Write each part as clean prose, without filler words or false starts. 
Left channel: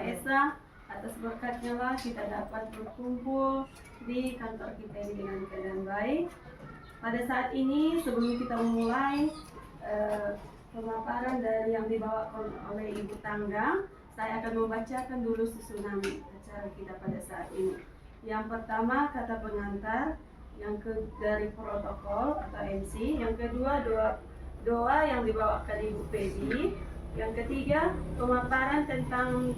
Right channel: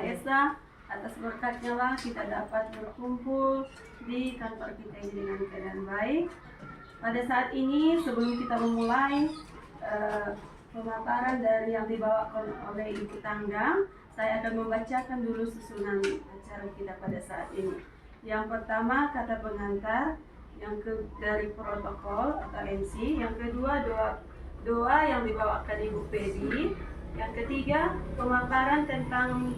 Kak Esa, atas berkatnya lah kita dapat berkumpul di kantor kita ini dengan keadaan baik. Pada saat ini sebelum kita memulai pemaparan dari yang dibawakan oleh Ibu Tanggang, saya akan membacakan dulu susunan acara kita pada saat ini. Yang pertama kata pengantar, dari protokol atau MC, yang kedua doa yang dibawakan Ibu Pedi, yang ketiga pemaparan tentang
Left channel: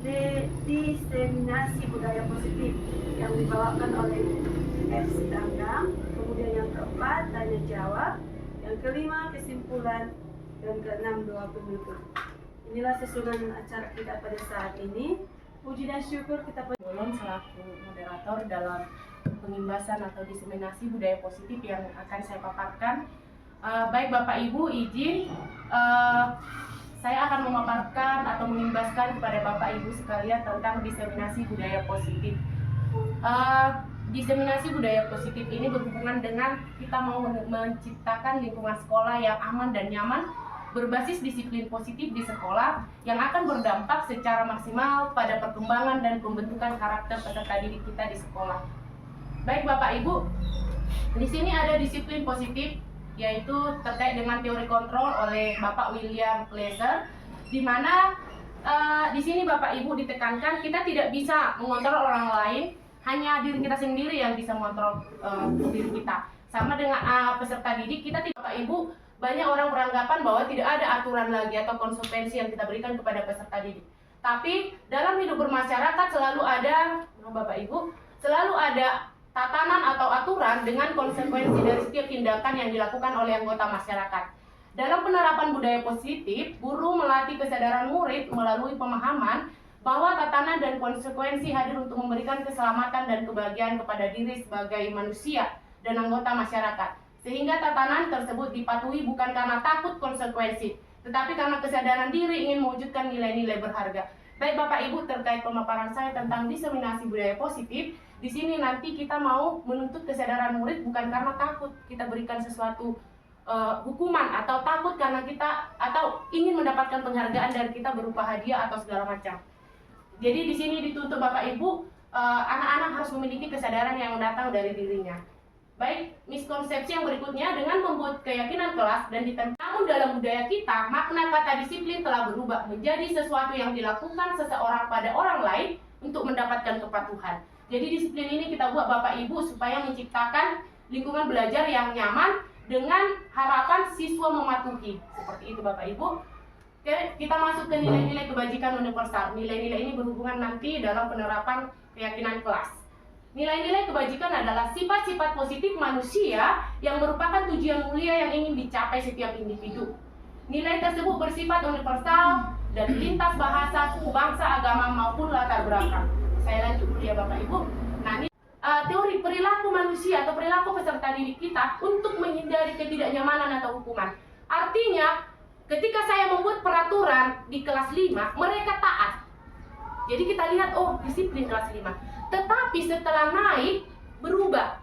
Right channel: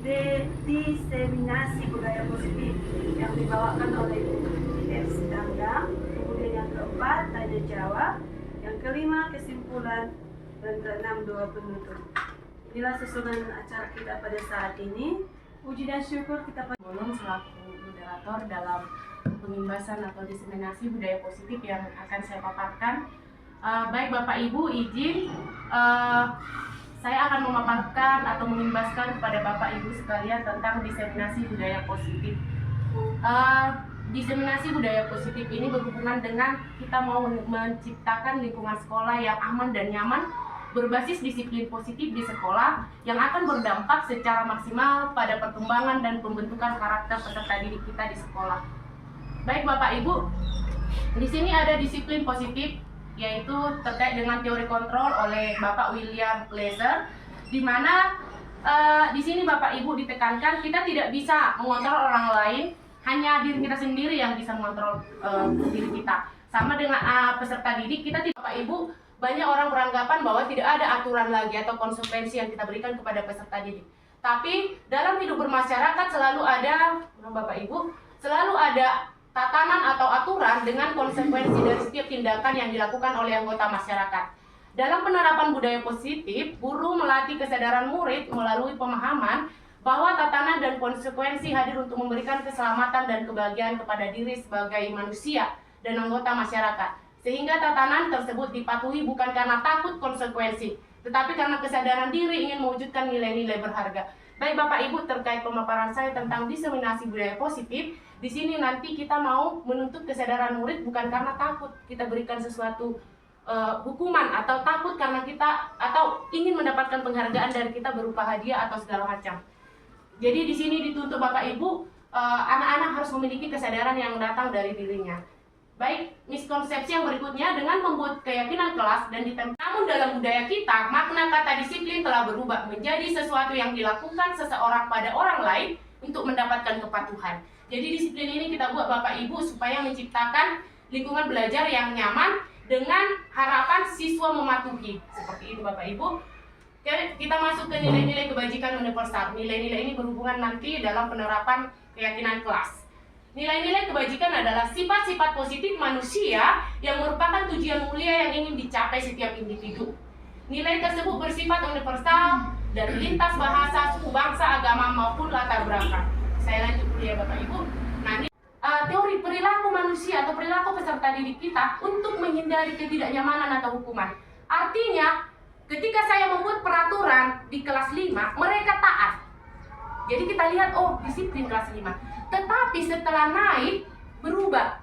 diseminasi budaya positif yang dibawakan oleh GS Tanggang, kemudian yang keempat tanya jawab, yang kelima kesimpulan, dan keenam doa penutup. Inilah susunan acara kita pada saat ini. Puji dan syukur kita Bolong selaku moderator dalam pengimbasan atau diseminasi budaya positif yang akan saya paparkan. Baik Bapak Ibu, izin saya akan memaparkan atau mengimbaskan kepada Bapak Ibu sekalian tentang diseminasi budaya positif. Diseminasi budaya positif ini berhubungan dengan kita mau menciptakan lingkungan sekolah yang aman dan nyaman, berbasis disiplin positif di sekolah yang akan berdampak secara maksimal pada perkembangan dan pembentukan karakter peserta didik kita di sekolah. Baik Bapak Ibu, di sini ada disiplin positif, yaitu terkait dengan teori kontrol oleh Bapak William Glaser, di mana di sini Bapak Ibu ditekankan kita tidak bisa mengontrol orang lain, hanya diri kita sendiri yang bisa mengontrol diri kita. Sama dengan peserta didik, kita tidak, Bapak Ibu, banyak orang beranggapan bahwa tidak ada aturan lagi atau konsekuensi yang kita berikan kepada peserta didik. Tapi dalam hidup bermasyarakat selalu ada, Bapak Ibu, selalu ada tatanan atau aturan dengan konsekuensi dari setiap tindakan yang dilakukan oleh anggota masyarakat. Dalam penerapan budaya positif, guru melatih kesadaran murid melalui pemahaman bahwa tatanan dan konsekuensi hadir untuk memberikan keselamatan dan kebahagiaan kepada diri sebagai manusia dan anggota masyarakat. Sehingga tatanan tersebut dipatuhi bukan karena takut konsekuensi, tetapi karena kesadaran diri ingin mewujudkan nilai-nilai berharga. Baik Bapak Ibu, terkait pemaparan saya tentang diseminasi budaya positif, di sini nanti kita mau menuntut kesadaran murid bukan karena takut kita berikan sesuatu hukuman, atau takut karena kita atau ingin mendapatkan penghargaan dari kita berupa hadiah atau segala macam. Jadi di sini dituntut Bapak Ibu, anak-anak harus memiliki kesadaran yang datang dari dirinya. Baik, miskonsepsi yang berikutnya, dengan membuat keyakinan kelas dan ditempatkan. Namun dalam budaya kita, makna kata disiplin telah berubah menjadi sesuatu yang dilakukan seseorang pada orang lain untuk mendapatkan kepatuhan. Jadi disiplin ini kita buat Bapak Ibu supaya menciptakan lingkungan belajar yang nyaman dengan harapan siswa mematuhi. Seperti itu Bapak Ibu. Kita masuk ke nilai-nilai kebajikan universal. Nilai-nilai ini berhubungan nanti dalam penerapan keyakinan kelas. Nilai-nilai kebajikan adalah sifat-sifat positif manusia yang merupakan tujuan mulia yang ingin dicapai setiap individu. Nilai tersebut bersifat universal dan lintas bahasa, suku, bangsa, agama maupun latar belakang. Saya lanjut dulu ya Bapak Ibu. Nah, ini teori perilaku manusia atau perilaku peserta didik kita untuk menghindari ketidaknyamanan atau hukuman. Artinya, ketika saya membuat peraturan di kelas 5, mereka taat. Jadi kita lihat, oh disiplin kelas 5. Tetapi setelah naik, berubah.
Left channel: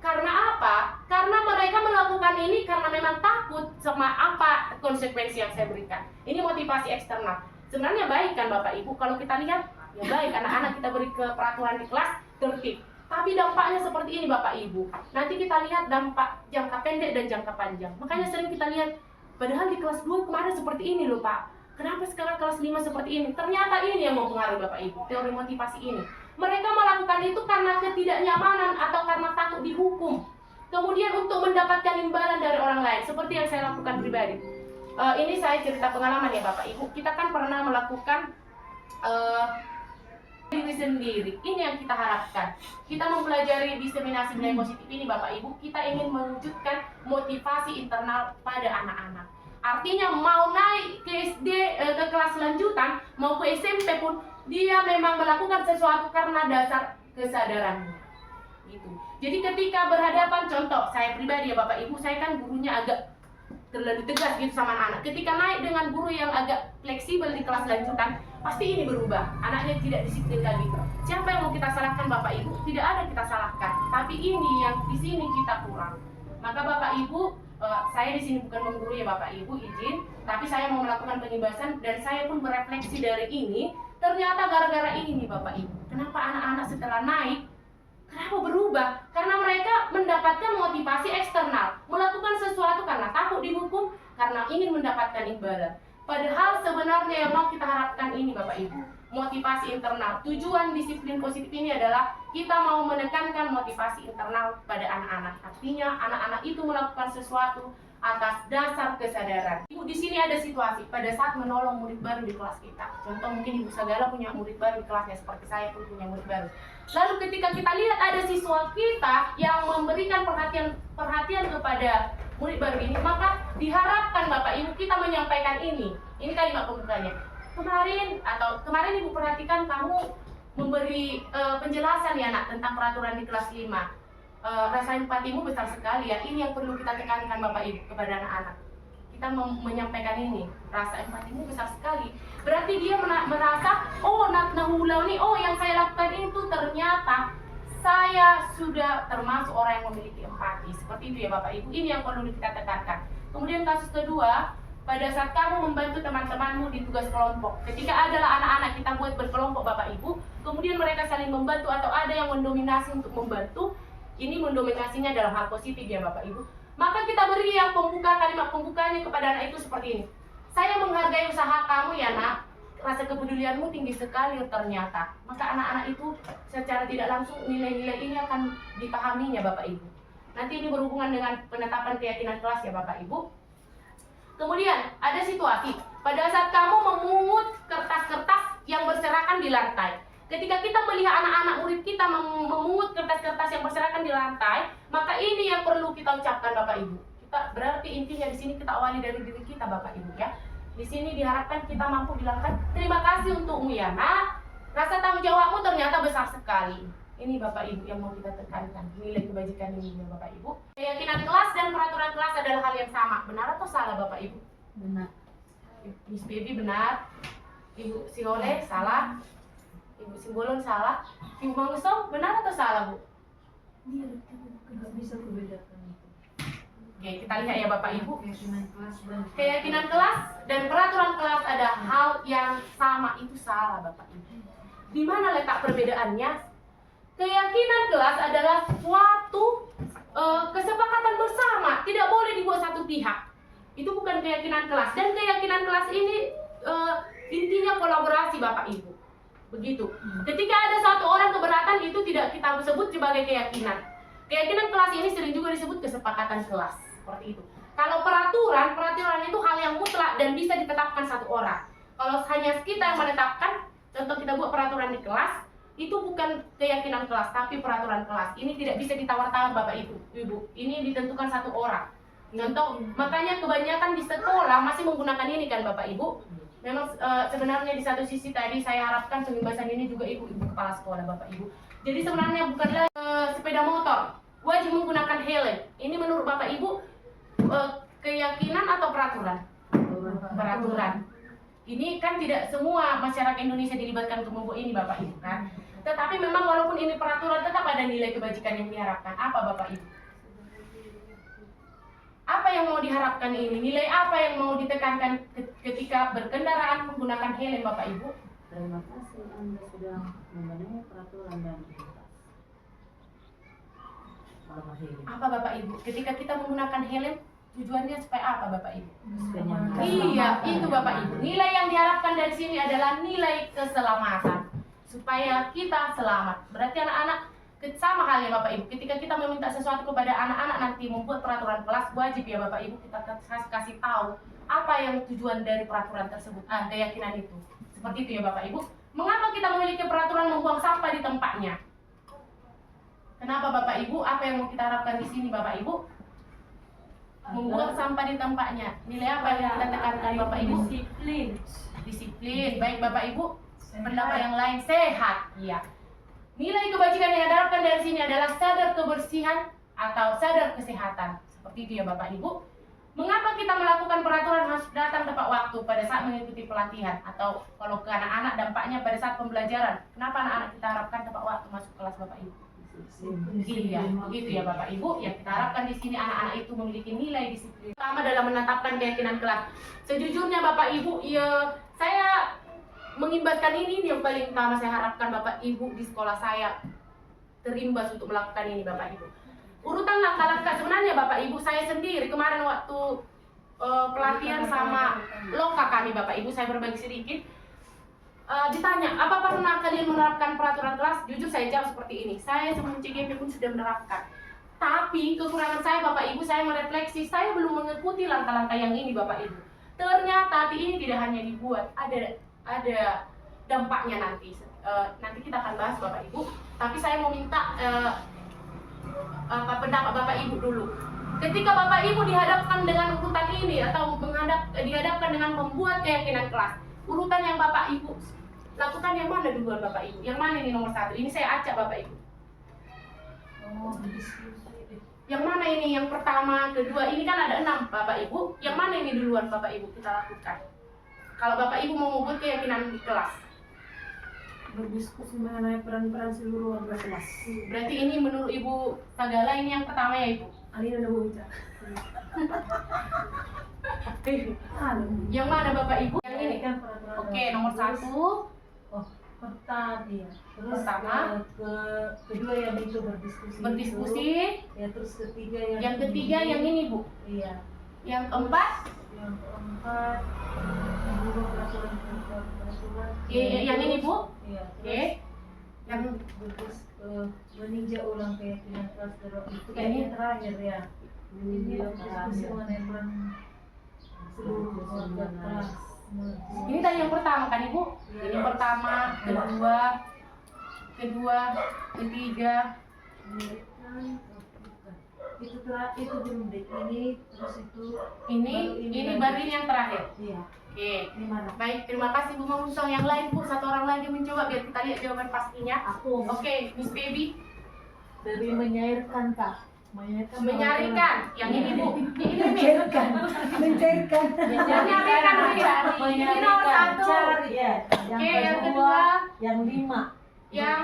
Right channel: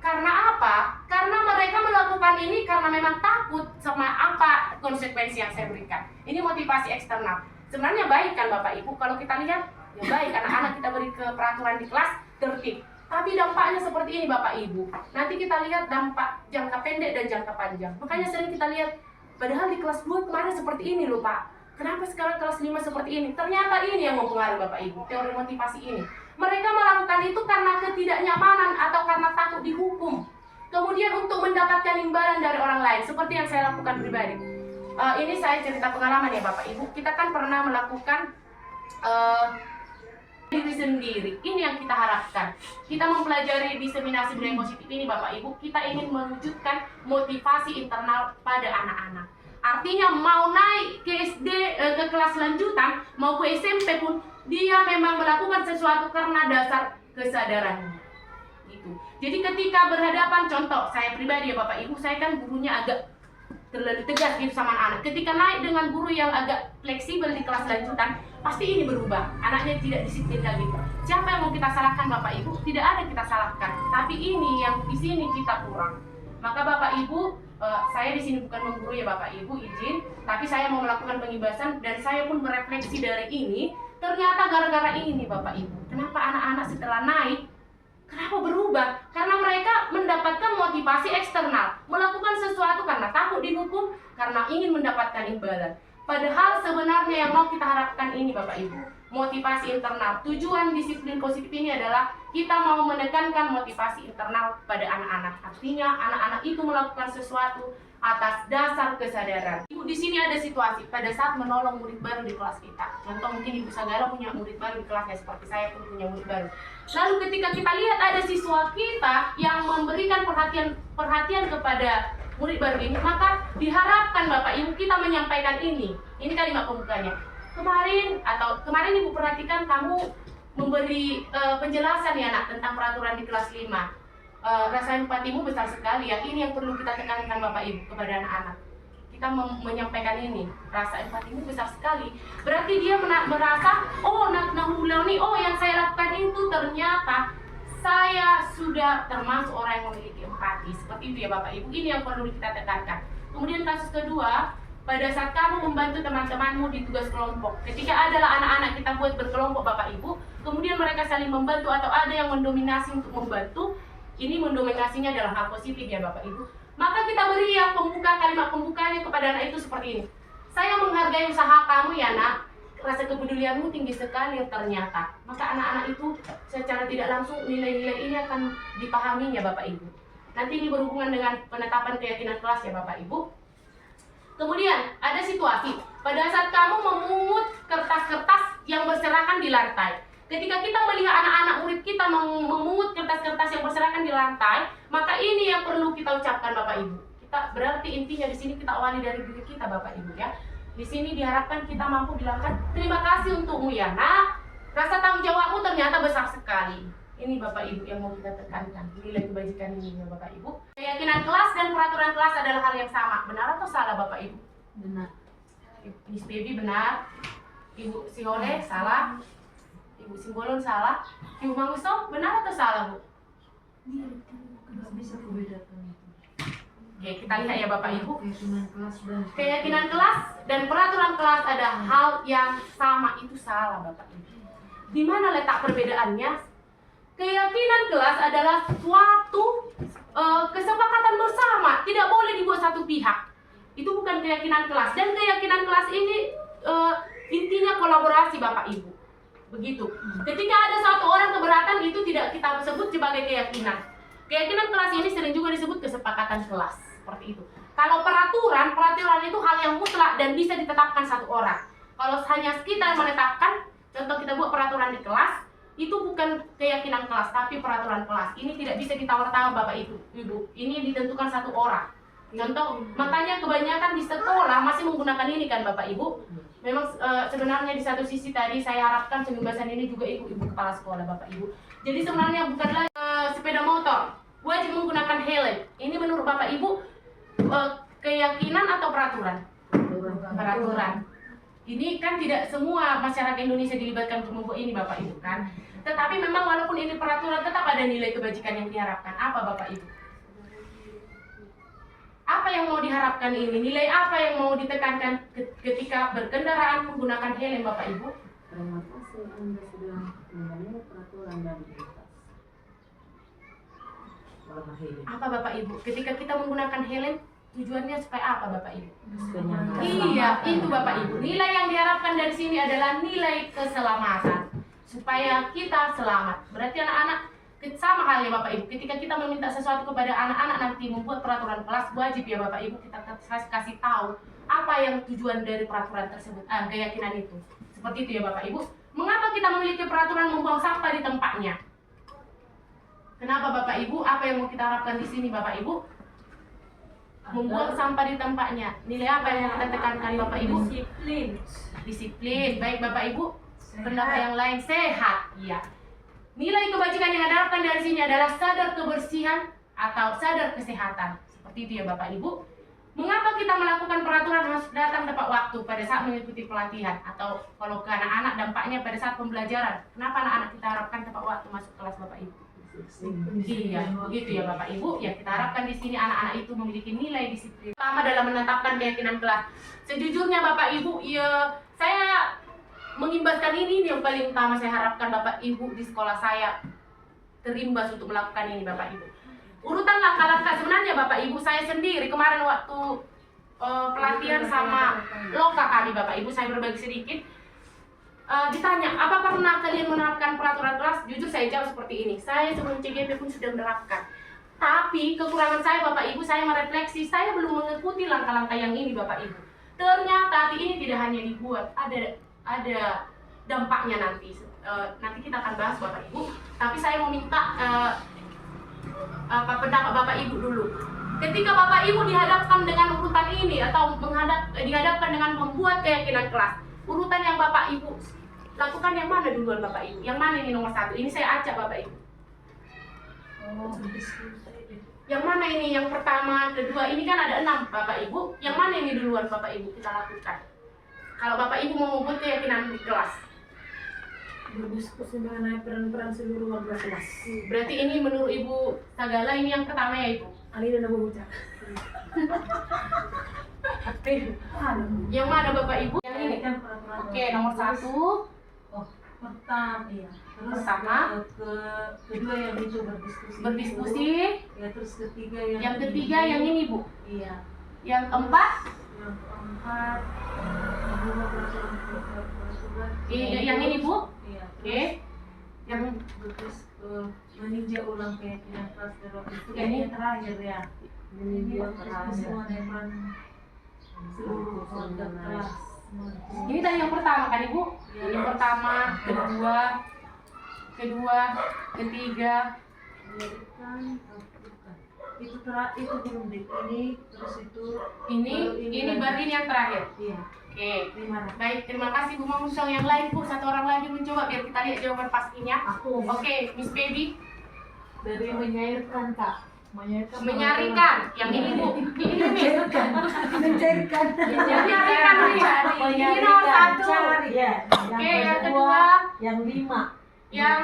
Karena apa? Karena mereka melakukan ini karena memang takut sama apa konsekuensi yang saya berikan. Ini motivasi eksternal. Sebenarnya baik kan Bapak Ibu, kalau kita lihat, ya baik, anak-anak kita beri ke peraturan di kelas, tertib. Tapi dampaknya seperti ini Bapak Ibu. Nanti kita lihat dampak jangka pendek dan jangka panjang. Makanya sering kita lihat, padahal di kelas 2 kemarin seperti ini loh Pak. Kenapa sekarang kelas 5 seperti ini? Ternyata ini yang mempengaruhi Bapak Ibu, teori motivasi ini. Mereka melakukan itu karena ketidaknyamanan atau karena takut dihukum. Kemudian untuk mendapatkan imbalan dari orang lain, seperti yang saya lakukan pribadi. Ini saya cerita pengalaman ya Bapak Ibu. Kita kan pernah melakukan diri sendiri. Ini yang kita harapkan. Kita mempelajari diseminasi budaya positif ini Bapak Ibu, kita ingin mewujudkan motivasi internal pada anak-anak. Artinya mau naik ke SD, ke kelas lanjutan, mau ke SMP pun, dia memang melakukan sesuatu karena dasar kesadarannya. Gitu. Jadi ketika berhadapan, contoh, saya pribadi ya Bapak Ibu, saya kan gurunya agak terlalu tegas gitu sama anak-anak. Ketika naik dengan guru yang agak fleksibel di kelas lanjutan, pasti ini berubah. Anaknya tidak disiplin lagi. Siapa yang mau kita salahkan Bapak Ibu? Tidak ada yang kita salahkan. Tapi ini yang di sini kita kurang. Maka Bapak Ibu, saya di sini bukan menggurui ya Bapak Ibu, izin, tapi saya mau melakukan pengibasan dan saya pun merefleksi dari ini. Ternyata gara-gara ini Bapak Ibu, kenapa anak-anak setelah naik, kenapa berubah? Karena mereka mendapatkan motivasi eksternal, melakukan sesuatu karena takut dihukum, karena ingin mendapatkan imbalan. Padahal sebenarnya yang mau kita harapkan ini Bapak Ibu, motivasi internal. Tujuan disiplin positif ini adalah kita mau menekankan motivasi internal pada anak-anak. Artinya anak-anak itu melakukan sesuatu atas dasar kesadaran. Ibu, di sini ada situasi pada saat menolong murid baru di kelas kita. Contoh mungkin Ibu Sagala punya murid baru di kelasnya, seperti saya pun punya murid baru. Lalu ketika kita lihat ada siswa kita yang memberikan perhatian kepada murid baru ini, maka diharapkan Bapak Ibu kita menyampaikan ini. Ini kalimat pembukanya. Kemarin Ibu perhatikan kamu memberi penjelasan ya nak tentang peraturan di kelas 5. Rasa empatimu besar sekali ya. Ini yang perlu kita tekankan Bapak Ibu kepada anak-anak. Kita menyampaikan ini, rasa empatimu besar sekali. Berarti dia merasa, oh nahulau nih, oh yang saya lakukan itu ternyata saya sudah termasuk orang yang memiliki empati. Seperti itu ya Bapak Ibu. Ini yang perlu kita tekankan. Kemudian kasus kedua, pada saat kamu membantu teman-temanmu di tugas kelompok, ketika adalah anak-anak kita buat berkelompok Bapak Ibu, kemudian mereka saling membantu atau ada yang mendominasi untuk membantu, ini mendominasinya adalah hal positif ya Bapak Ibu. Maka kita beri yang kalimat pembukanya kepada anak itu seperti ini. Saya menghargai usaha kamu ya nak, rasa kepedulianmu tinggi sekali ternyata. Maka anak-anak itu secara tidak langsung nilai-nilai ini akan dipahaminya Bapak Ibu. Nanti ini berhubungan dengan penetapan keyakinan kelas ya Bapak Ibu. Kemudian ada situasi pada saat kamu memungut kertas-kertas yang berserakan di lantai. Ketika kita melihat anak-anak murid kita memungut kertas-kertas yang berserakan di lantai, maka ini yang perlu kita ucapkan Bapak Ibu. Kita berarti intinya di sini kita awali dari diri kita Bapak Ibu ya. Di sini diharapkan kita mampu bilangkan terima kasih untukmu ya nak. Rasa tanggung jawabmu ternyata besar sekali. Ini Bapak Ibu yang mau kita tekankan, nilai kebajikan ini ya Bapak Ibu. Keyakinan kelas dan peraturan kelas adalah hal yang sama. Benar atau salah Bapak Ibu? Benar. Miss Baby benar. Ibu Siole salah. Ibu Simbolon salah. Ibu Mangusto benar atau salah Bu? Nggak bisa membedakan itu. Oke, kita lihat ya Bapak Ibu. Keyakinan kelas Dan peraturan kelas ada hal yang sama, itu salah Bapak Ibu. Di mana letak perbedaannya? Keyakinan kelas adalah suatu kesepakatan bersama, tidak boleh dibuat satu pihak. Itu bukan keyakinan kelas. Dan keyakinan kelas ini intinya kolaborasi Bapak Ibu. Begitu. Ketika ada satu orang keberatan, itu tidak kita sebut sebagai keyakinan. Keyakinan kelas ini sering juga disebut kesepakatan kelas. Seperti itu. Kalau peraturan itu hal yang mutlak dan bisa ditetapkan satu orang. Kalau hanya kita yang menetapkan, contoh kita buat peraturan di kelas, itu bukan keyakinan kelas, tapi peraturan kelas. Ini tidak bisa ditawar-tawar Bapak Ibu. Ini ditentukan satu orang. Contoh, makanya kebanyakan di sekolah masih menggunakan ini kan Bapak Ibu. Memang sebenarnya di satu sisi tadi saya harapkan pembebasan ini juga ibu-ibu kepala sekolah Bapak Ibu. Jadi sebenarnya bukanlah sepeda motor wajib menggunakan helm. Ini menurut Bapak Ibu keyakinan atau peraturan? Peraturan. Ini kan tidak semua masyarakat Indonesia dilibatkan untuk membuat ini Bapak Ibu kan. Tetapi memang walaupun ini peraturan tetap ada nilai kebajikan yang diharapkan. Apa Bapak Ibu? Apa yang mau diharapkan ini? Nilai apa yang mau ditekankan ketika berkendaraan menggunakan helm Bapak Ibu? terima kasih Anda sudah memenuhi peraturan dan lintas. Apa Bapak Ibu? Ketika kita menggunakan helm, tujuannya supaya apa Bapak Ibu? Kenyamanan. Iya, itu Bapak Ibu. Nilai yang diharapkan dari sini adalah nilai keselamatan. Supaya kita selamat. Berarti anak-anak sama halnya Bapak Ibu. Ketika kita meminta sesuatu kepada anak-anak nanti membuat peraturan kelas, wajib ya Bapak Ibu kita kasih tahu apa yang tujuan dari peraturan tersebut, keyakinan itu. Seperti itu ya Bapak Ibu. Mengapa kita memiliki peraturan membuang sampah di tempatnya? Kenapa Bapak Ibu? Apa yang mau kita harapkan di sini Bapak Ibu? Membuang sampah di tempatnya. Nilai apa yang kita tekankan Bapak Ibu? Disiplin. Disiplin. Baik Bapak Ibu. Pendapat yang lain sehat. Iya. Nilai kebajikan yang diharapkan dari sini adalah sadar kebersihan atau sadar kesehatan. Seperti itu ya Bapak Ibu. Mengapa kita melakukan peraturan harus datang tepat waktu pada saat mengikuti pelatihan? Atau kalau ke anak-anak dampaknya pada saat pembelajaran. Kenapa anak-anak kita harapkan tepat waktu masuk kelas Bapak Ibu? Iya, begitu ya Bapak Ibu. Ya kita harapkan di sini anak-anak itu memiliki nilai disiplin. Pertama dalam menetapkan keyakinan kelas. Sejujurnya Bapak Ibu, ya saya mengimbaskan ini yang paling utama saya harapkan Bapak Ibu di sekolah saya terimbas untuk melakukan ini Bapak Ibu. Urutan langkah-langkah sebenarnya Bapak Ibu, saya sendiri kemarin waktu pelatihan sama loka kami Bapak Ibu, saya berbagi sedikit. Ditanya, apa pernah kalian menerapkan peraturan kelas? Jujur saya jawab seperti ini, saya sebelum CGP pun sudah menerapkan. Tapi kekurangan saya Bapak Ibu, saya merefleksi, saya belum mengikuti langkah-langkah yang ini Bapak Ibu. Ternyata ini tidak hanya dibuat, ada dampaknya nanti. Nanti kita akan bahas Bapak Ibu. Tapi saya mau minta pendapat Bapak Ibu dulu. Ketika Bapak Ibu dihadapkan dengan urutan ini atau dihadapkan dengan membuat keyakinan kelas, urutan yang Bapak Ibu lakukan yang mana duluan Bapak Ibu? Yang mana ini nomor 1? Ini saya acak Bapak Ibu. Yang mana ini? Yang pertama, kedua, ini kan ada 6 Bapak Ibu. Yang mana ini duluan Bapak Ibu kita lakukan? Kalau Bapak Ibu mau membuat keyakinan di kelas. Berdiskusi mengenai peran-peran seluruh warga kelas. Berarti ini menurut Ibu Sagala ini yang pertama ya Ibu? Ali udah berucap. Yang mana Bapak Ibu? Yang ini. Kan peraturan. Oke, nomor 1. Pertama, iya. Terus Pertama. kedua yang itu berdiskusi. Berdiskusi. Ya, terus ketiga Yang ketiga yang ini Bu. Iya. Yang keempat. Yang keempat mengubah peraturan. Yang ini Bu. Iya. Oke. Yang meninjau ulang keyakinan kelas itu Ini. yang terakhir ya. Ini berdiskusi mengenai peran seluruh warga kelas. ini tadi yang pertama kan Ibu? Ini pertama, kedua, ketiga. Itu belum deh. Ini terus itu. Ini baru ini yang terakhir. Iya. Oke. Gimana? Baik, terima kasih Bu Mamusong. Yang lain Bu, satu orang lagi mencoba biar kita lihat jawaban pastinya. Aku Oke, Miss Baby. dari menyairkan Kak. Menyarikan. Yang ini Bu. Ini Miss. Mencairkan. Mencairkan. Menyarikan ini nomor 1. Ya. Oke, yang kedua. Yang 5. Yang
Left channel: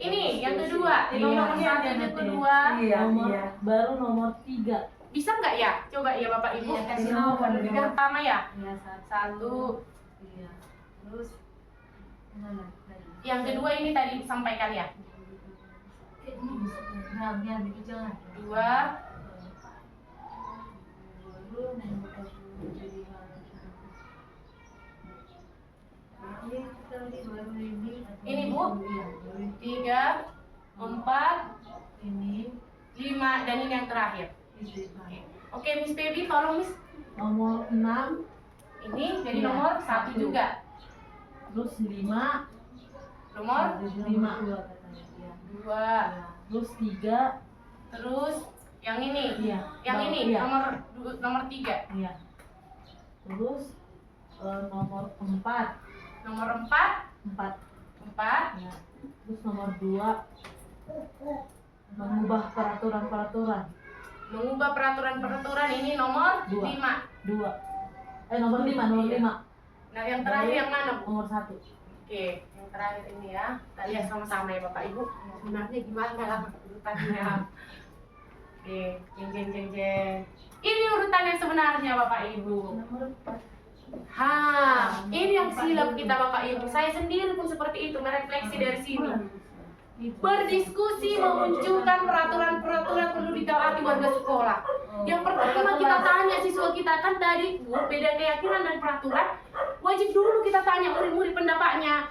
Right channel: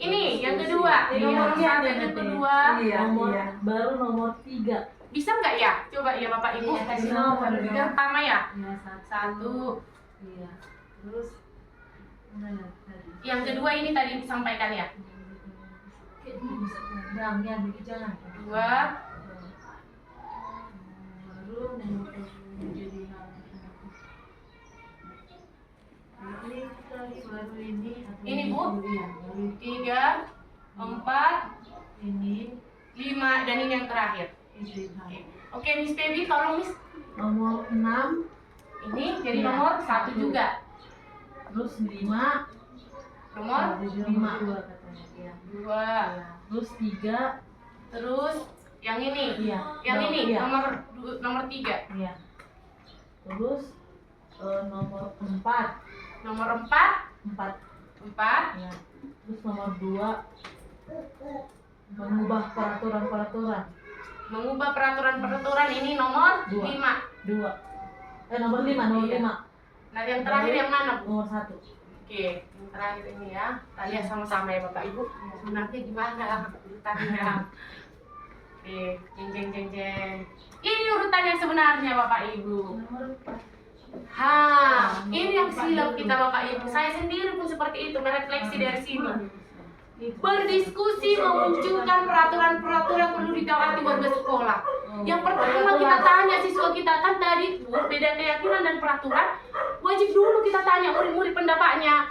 ini, yang kedua. Iya. Nomor 1 yang kedua. Baru nomor 3. Bisa nggak ya? Coba ya Bapak Ibu. Iya, kasih nomor. Yang pertama ya. Ya, 1. Iya. Terus mana tadi? Yang kedua ini tadi disampaikan ya. Yang jangan. 2. Baru ini tadi baru ini. Ini, Bu. Iya, baru 3, 4, ini 5 dan ini yang terakhir. Oke, Miss Baby tolong Miss. nomor 6. Ini jadi Iya. nomor 1 juga. Terus 5. Nomor 5 katanya. Iya. 2. Terus 3. Terus yang ini. Iya. Yang ini Iya. nomor 3. Iya. Terus nomor 4. Nomor 4. 4. 4. Ya. Terus nomor 2 mengubah peraturan-peraturan. Mengubah peraturan-peraturan ini nomor 2. 5. 2. Nomor 5, nomor Iya. 5. Nah, yang terakhir yang mana, Bu? Nomor 1. Oke, yang terakhir ini ya. Kita lihat sama-sama ya Bapak Ibu. Sebenarnya gimana urutannya? Oke, jeng jeng jeng jeng. Ini urutan yang sebenarnya Bapak Ibu. Nomor 4. Ini yang silap kita Bapak Ibu. Saya sendiri pun seperti itu, merefleksi dari sini. Berdiskusi memunculkan peraturan-peraturan perlu ditaati warga sekolah. Yang pertama kita tanya siswa kita kan tadi Bu, beda keyakinan dan peraturan. Wajib dulu kita tanya murid-murid pendapatnya.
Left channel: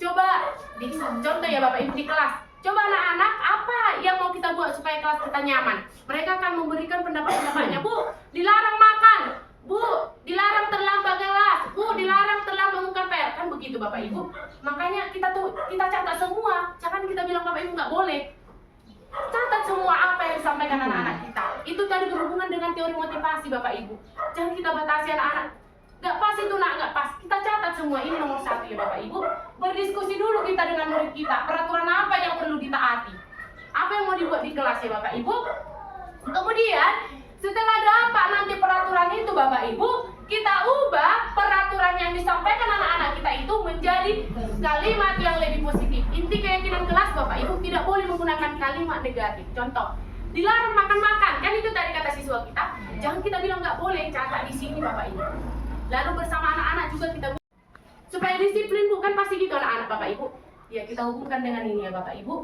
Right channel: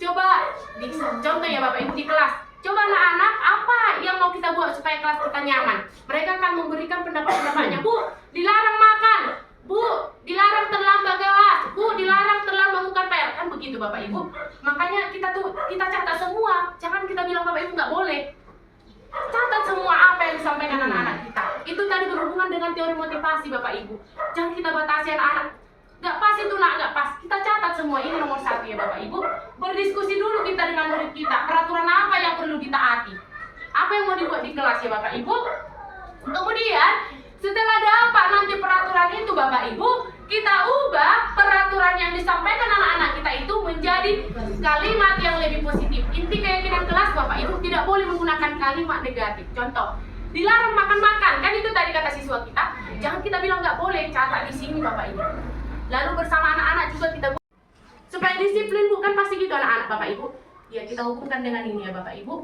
Coba contoh ya Bapak Ibu di kelas. Coba anak-anak apa yang mau kita buat supaya kelas kita nyaman. Mereka akan memberikan pendapat-pendapatnya. Bu, dilarang makan. Bu, dilarang terlambat kelas. Bu, dilarang terlambat melakukan PR. Kan begitu Bapak Ibu. Makanya kita catat semua. Jangan kita bilang Bapak Ibu nggak boleh. Catat semua apa yang disampaikan anak-anak kita. Itu tadi berhubungan dengan teori motivasi Bapak Ibu. Jangan kita batasi anak-anak. Nggak pas itu nak, nggak pas. Kita catat semua. Ini nomor 1 ya Bapak Ibu. Berdiskusi dulu kita dengan murid kita. Peraturan apa yang perlu ditaati. Apa yang mau dibuat di kelas ya Bapak Ibu. Kemudian setelah dapat nanti peraturan itu Bapak Ibu, kita ubah peraturan yang disampaikan anak-anak kita itu menjadi kalimat yang lebih positif. Inti keyakinan kelas Bapak Ibu tidak boleh menggunakan kalimat negatif. Contoh, dilarang makan-makan. Kan itu tadi kata siswa kita. Jangan kita bilang nggak boleh, catat di sini Bapak Ibu. Lalu bersama anak-anak juga kita supaya disiplin, bukan pasti gitu anak-anak Bapak Ibu. Ya, kita hubungkan dengan ini ya Bapak Ibu.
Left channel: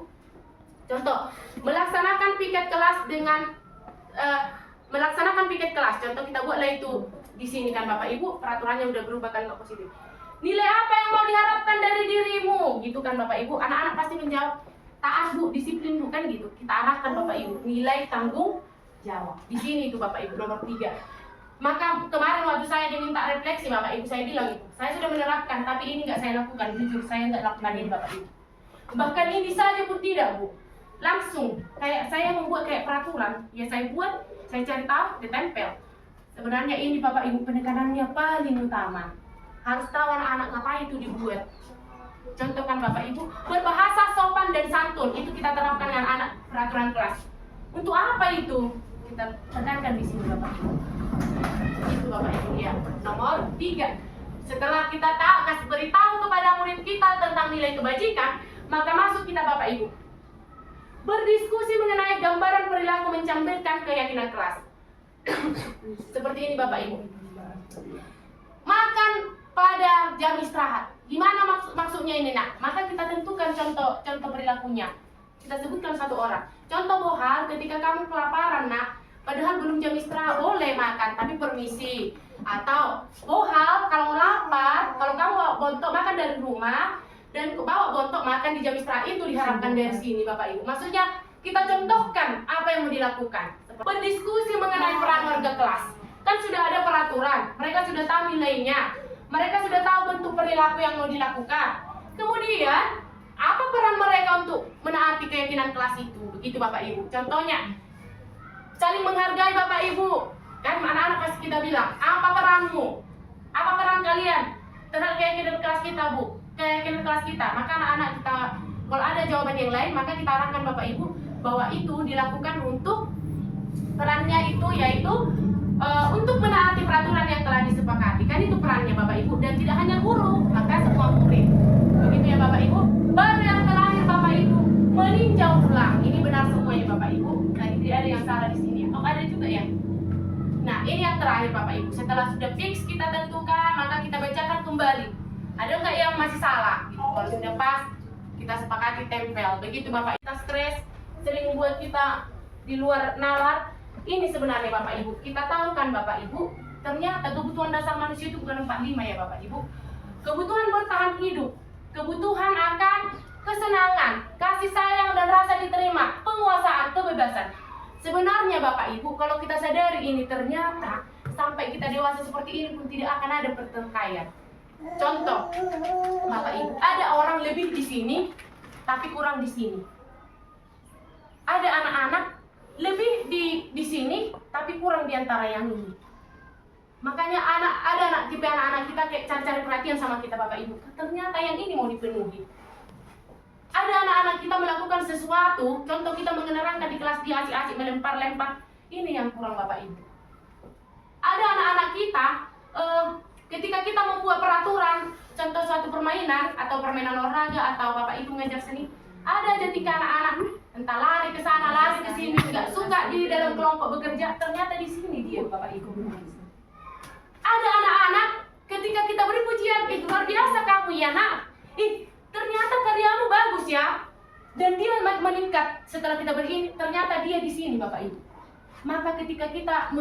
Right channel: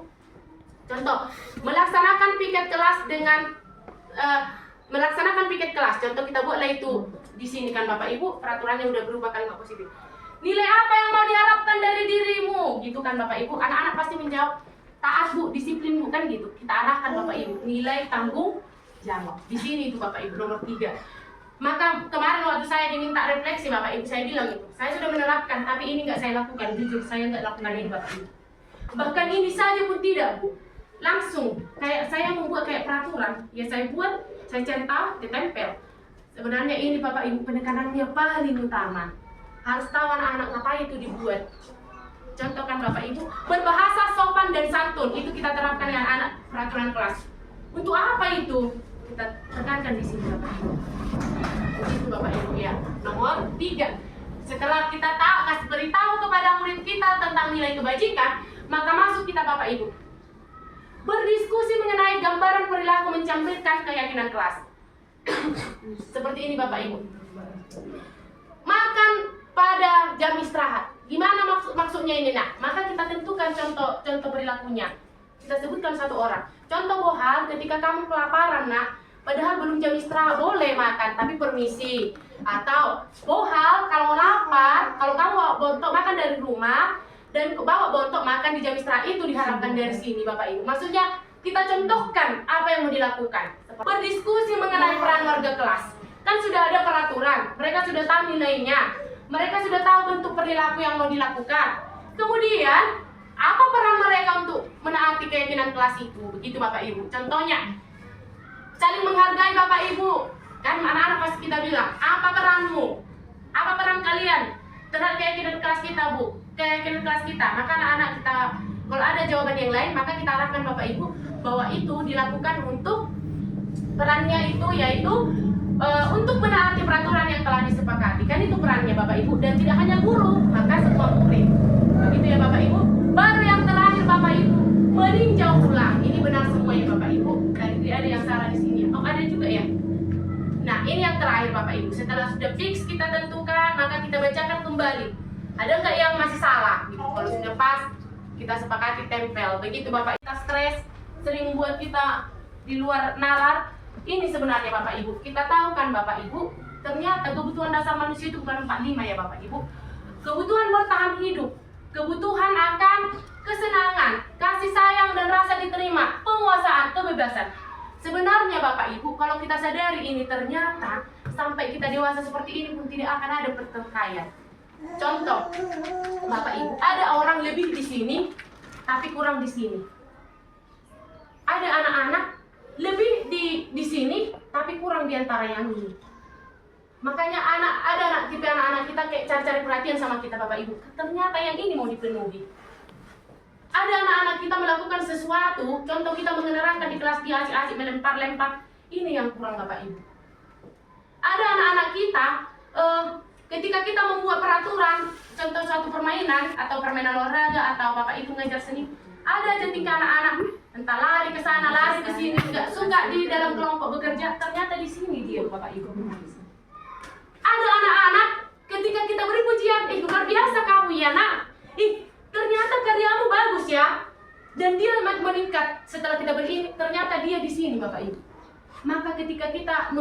Contoh, melaksanakan piket kelas dengan melaksanakan piket kelas. Contoh kita buatlah itu di sini kan Bapak Ibu, peraturannya udah berubah kan, nggak positif. Nilai apa yang mau diharapkan dari dirimu? Gitu kan Bapak Ibu. Anak-anak pasti menjawab, taat Bu, disiplin Bu, kan gitu. Kita arahkan Bapak Ibu, nilai tanggung jawab. Di sini itu Bapak Ibu nomor 3. Maka kemarin waktu saya diminta refleksi Bapak Ibu, saya bilang itu, saya sudah menerapkan, tapi ini nggak saya lakukan. Jujur, saya nggak lakukan ini Bapak Ibu. Bahkan ini saja pun tidak Bu. Langsung, kayak saya membuat kayak peraturan, ya saya buat, saya cari tahu, ditempel. Sebenarnya ini Bapak Ibu penekanannya paling utama. Harus tahu anak-anak ngapain itu dibuat. Contoh kan Bapak Ibu, berbahasa sopan dan santun, itu kita terapkan dengan anak peraturan kelas. Untuk apa itu? Kita tekankan di sini Bapak Ibu. Itu Bapak Ibu ya. Nomor 3. Setelah kita kasih beritahu kepada murid kita tentang nilai kebajikan, maka masuk kita Bapak Ibu. Berdiskusi mengenai gambaran perilaku mencerminkan keyakinan kelas. Seperti ini Bapak Ibu. Makan pada jam istirahat. Gimana maksudnya ini nak? Maka kita tentukan contoh perilakunya. Kita sebutkan satu orang. Contoh Bohar, ketika kamu kelaparan nak, padahal belum jam istirahat, boleh makan, tapi permisi. Atau Bohar, kalau lapar, kalau kamu bawa bontok makan dari rumah, dan bawa bontok makan di jam istirahat, itu diharapkan dari sini Bapak Ibu. Maksudnya kita contohkan apa yang mau dilakukan. Berdiskusi mengenai peran warga kelas. Kan sudah ada peraturan, mereka sudah tahu nilainya, mereka sudah tahu bentuk perilaku yang mau dilakukan. Kemudian apa peran mereka untuk menaati keyakinan kelas itu? Begitu Bapak Ibu. Contohnya, saling menghargai Bapak Ibu. Kan anak-anak pasti kita bilang, apa peranmu? Apa peran kalian terhadap keyakinan kelas kita Bu? Keyakinan kelas kita. Maka anak-anak kita, kalau ada jawaban yang lain, maka kita arahkan Bapak Ibu bahwa itu dilakukan untuk perannya itu yaitu untuk menaati peraturan yang telah disepakati. Kan itu perannya Bapak Ibu, dan tidak hanya guru, maka semua murid. Begitu ya Bapak Ibu. Baru yang terakhir Bapak Ibu, meninjau ulang. Ini benar semua ya Bapak Ibu. Dan tidak ada yang salah di sini. Oh, ada juga ya. Nah, ini yang terakhir Bapak Ibu. Setelah sudah fix kita tentukan, maka kita bacakan kembali. Ada nggak yang masih salah? Gitu. Kalau sudah pas, kita sepakati tempel. Begitu Bapak. Kita stres, sering membuat kita di luar nalar. Ini sebenarnya Bapak Ibu. Kita tahu kan Bapak Ibu, ternyata kebutuhan dasar manusia itu bukan 45 ya Bapak Ibu. Kebutuhan bertahan hidup, kebutuhan akan kesenangan, kasih sayang dan rasa diterima, penguasaan, kebebasan. Sebenarnya Bapak Ibu, kalau kita sadari ini, ternyata sampai kita dewasa seperti ini pun tidak akan ada pertikaian. Contoh, Bapak Ibu, ada orang lebih di sini, tapi kurang di sini. Ada anak-anak lebih di sini, tapi kurang di antara yang ini. Makanya ada anak-anak kita kayak cari-cari perhatian sama kita Bapak Ibu. Ternyata yang ini mau dipenuhi. Ada anak-anak kita melakukan sesuatu, contoh kita mengenerangkan di kelas dia asik-asik melempar-lempar, ini yang kurang Bapak Ibu. Ada anak-anak kita, ketika kita membuat peraturan, contoh suatu permainan atau permainan olahraga atau Bapak Ibu ngajar seni, ada aja tingkah anak-anak entah lari ke sana, lari ke sini, nggak suka di dalam kelompok bekerja, ternyata di sini dia Bapak Ibu. Ada anak-anak ketika kita beri pujian, luar biasa kamu ya nak, ternyata karyamu bagus ya, dan dia meningkat setelah kita beri ini, ternyata dia di sini Bapak Ibu. Maka ketika kita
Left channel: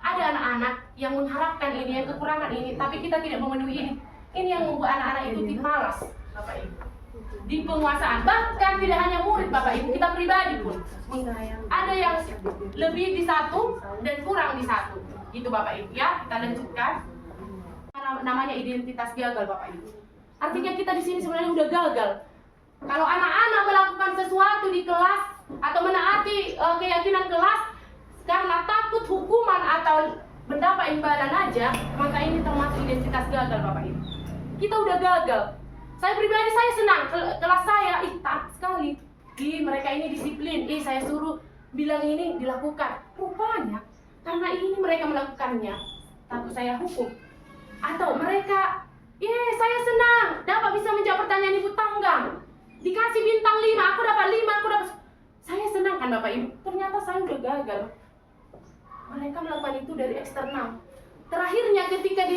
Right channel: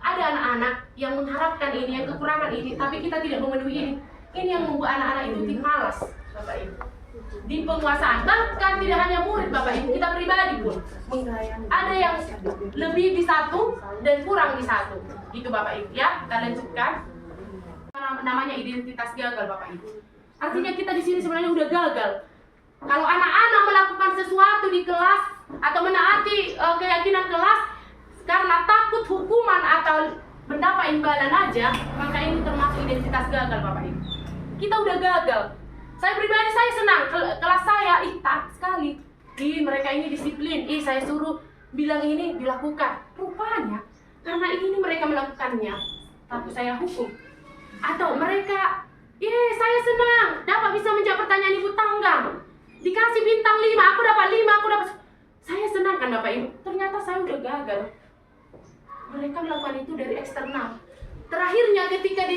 ada anak-anak yang mengharapkan ini, yang kekurangan ini, tapi kita tidak memenuhi ini yang membuat anak-anak itu malas Bapak Ibu. Di penguasaan, bahkan tidak hanya murid Bapak Ibu, kita pribadi pun ada yang lebih di satu dan kurang di satu. Gitu Bapak Ibu ya. Kita lanjutkan. Namanya identitas gagal Bapak Ibu. Artinya kita di sini sebenarnya udah gagal. Kalau anak-anak melakukan sesuatu di kelas atau menaati keyakinan kelas karena takut hukuman atau mendapat imbalan aja, maka ini termasuk identitas gagal Bapak Ibu. Kita udah gagal. Saya pribadi saya senang, kelas saya taat sekali. Mereka ini disiplin, saya suruh bilang ini dilakukan. Rupanya karena ini mereka melakukannya, takut saya hukum. Atau mereka, saya senang dapat bisa menjawab pertanyaan ibu tangga. Dikasih bintang 5, aku dapat 5, aku dapat. Saya senang kan Bapak Ibu. Ternyata saya udah gagal. Mereka melakukan itu dari eksternal. Terakhirnya ketika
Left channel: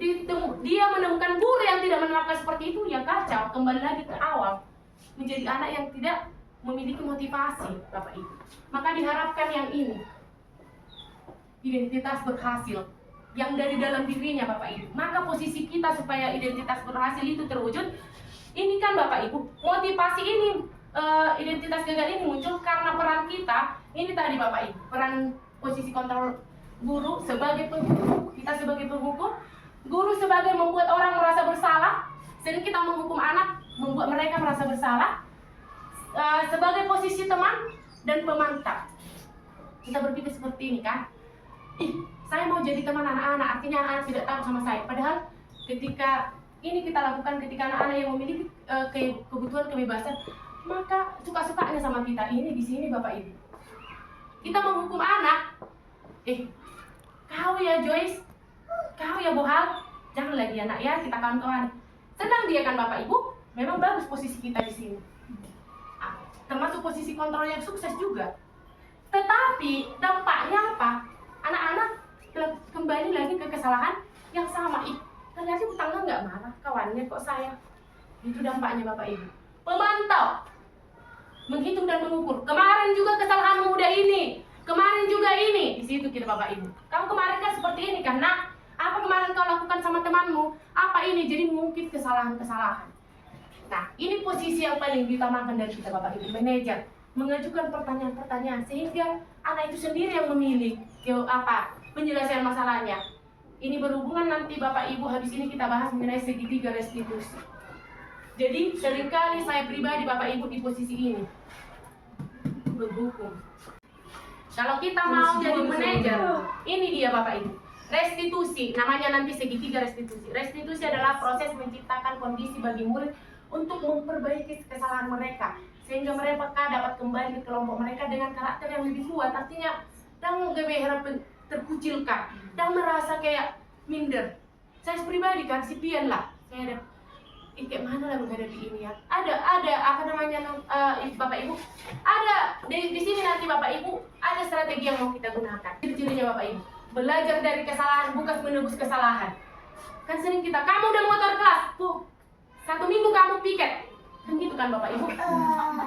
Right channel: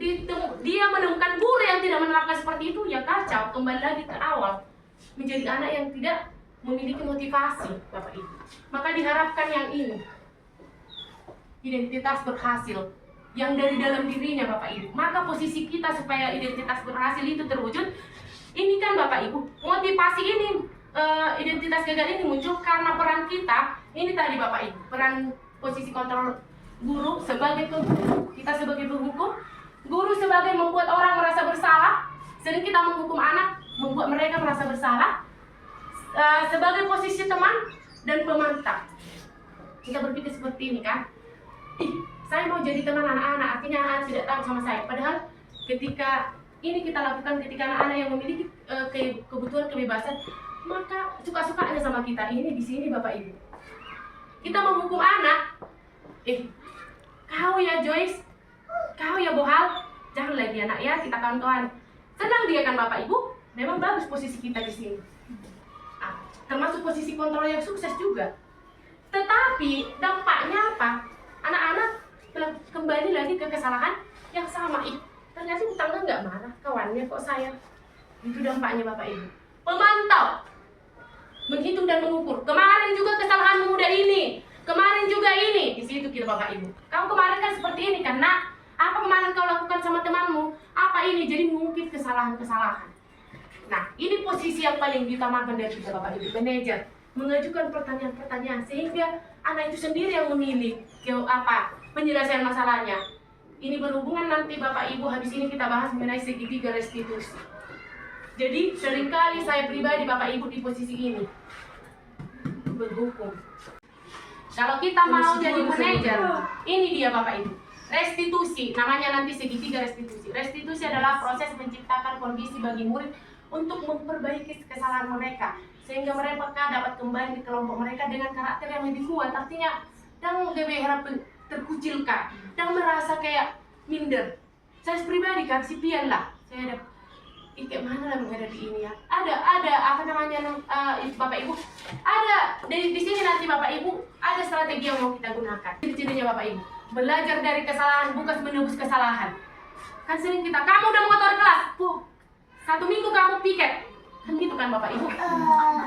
dia menemukan guru yang tidak menerapkan seperti itu, ya kacau, kembali lagi ke awal, menjadi anak yang tidak memiliki motivasi, Bapak Ibu. Maka diharapkan yang ini, identitas berhasil, yang dari dalam dirinya, Bapak Ibu. Maka posisi kita supaya identitas berhasil itu terwujud, ini kan Bapak Ibu, motivasi ini, identitas gagal ini muncul karena peran kita, ini tadi Bapak Ibu, peran posisi kontrol guru sebagai penghukum, kita sebagai penghukum, guru sebagai membuat orang merasa bersalah, sering kita menghukum anak, membuat mereka merasa bersalah, sebagai posisi teman dan pemantau. Kita berpikir seperti ini kan, saya mau jadi teman anak-anak, artinya anak-anak tidak tahu sama saya. Padahal ketika ini kita lakukan ketika anak-anak yang memiliki kebutuhan kebebasan, maka suka-sukanya sama kita. Ini di sini Bapak Ibu. Kita menghukum anak, kau ya Joyce, kau ya Bohal, jangan lagi anak ya, kita kawan-kawan. Senang dia kan Bapak Ibu, memang bagus posisi kita di sini. Termasuk posisi kontrol yang sukses juga. Tetapi dampaknya apa? Anak-anak kembali lagi ke kesalahan yang sama. Ternyata utangnya nggak marah, kawannya kok saya. Itu dampaknya Bapak Ibu. Pemantau, menghitung dan mengukur. Kemarin juga kesalahan muda ini, kemarin juga ini. Di situ kita Bapak Ibu. Kamu kemarin kan seperti ini karena apa kemarin kau lakukan sama temanmu? Apa ini? Jadi mengungkit kesalahan-kesalahan. Nah, ini posisi yang paling diutamakan dari kita Bapak Ibu, manajer, mengajukan pertanyaan-pertanyaan sehingga anak itu sendiri yang memilih penyelesaian masalahnya. Ini berhubungan nanti Bapak Ibu, habis ini kita bahas mengenai segitiga restitusi. Jadi seringkali saya pribadi Bapak Ibu di posisi ini berhukum. Kalau kita mau jadi manajer, ini dia Bapak Ibu. Restitusi, namanya nanti segitiga restitusi. Restitusi adalah proses menciptakan kondisi bagi murid untuk memperbaiki kesalahan mereka sehingga mereka dapat kembali ke kelompok mereka dengan karakter yang lebih kuat. Artinya dan gak berharap terkucilkan dan merasa kayak minder. Saya pribadi kan sipian lah, saya ada kayak mana lah menghadapi ini ya. Ada apa namanya Bapak Ibu, ada di sini nanti Bapak Ibu ada strategi yang mau kita gunakan. Ciri-cirinya Bapak Ibu, belajar dari kesalahan bukan menebus kesalahan. Kan sering kita, kamu udah motor kelas, 1 minggu kamu piket, kan gitu kan Bapak Ibu,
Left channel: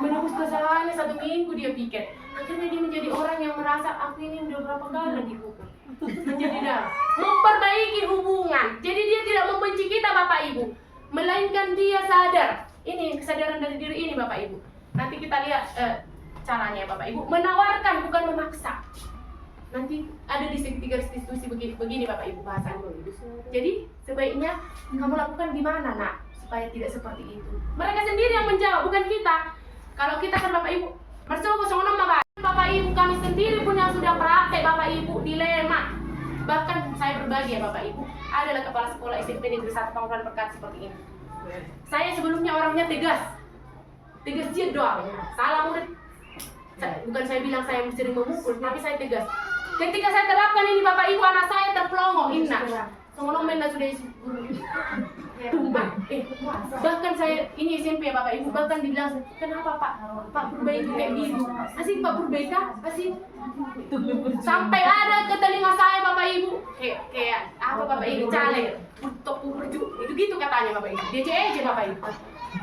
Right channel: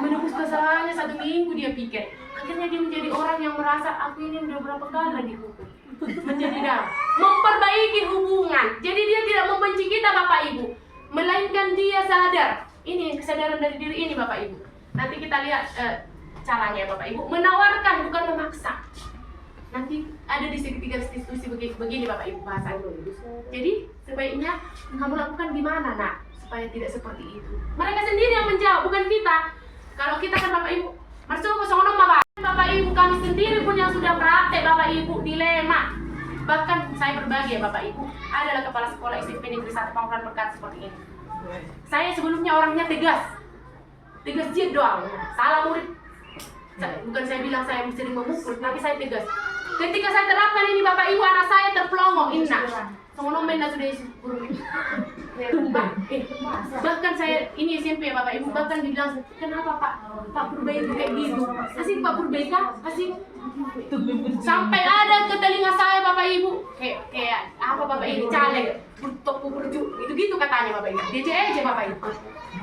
menebus kesalahannya 1 minggu dia piket, akhirnya dia menjadi orang yang merasa aku ini udah berapa kali dihukum, menjadi dah memperbaiki hubungan. Jadi dia tidak membenci kita Bapak Ibu, melainkan dia sadar. Ini kesadaran dari diri ini Bapak Ibu. Nanti kita lihat caranya Bapak Ibu, menawarkan bukan memaksa. Nanti ada di segitiga restitusi begini Bapak Ibu bahasan dulu. Jadi sebaiknya kamu lakukan gimana nak supaya tidak seperti itu. Mereka sendiri yang menjawab, bukan kita. Kalau kita kan Bapak Ibu, mersuku songonom Bapak Ibu, kami sendiri pun yang sudah praktek Bapak Ibu, dilema. Bahkan saya berbagi ya Bapak Ibu, adalah kepala sekolah SMP Negeri 1 Pangurahan Berkat seperti ini. Saya sebelumnya orangnya tegas doang, salah murid. Bukan saya bilang saya sering memukul, tapi saya tegas. Ketika saya terapkan ini Bapak Ibu, anak saya terpelongo, inna. Songonom menda sudah bahkan saya ini SMP ya Bapak Ibu, bahkan dibilang kenapa Pak Purbai itu kayak gitu, asik Pak Purbai kah, asik sampai ada ke telinga saya Bapak Ibu kayak apa Bapak Ibu caleg untuk berju itu gitu katanya Bapak Ibu, dia aja Bapak Ibu,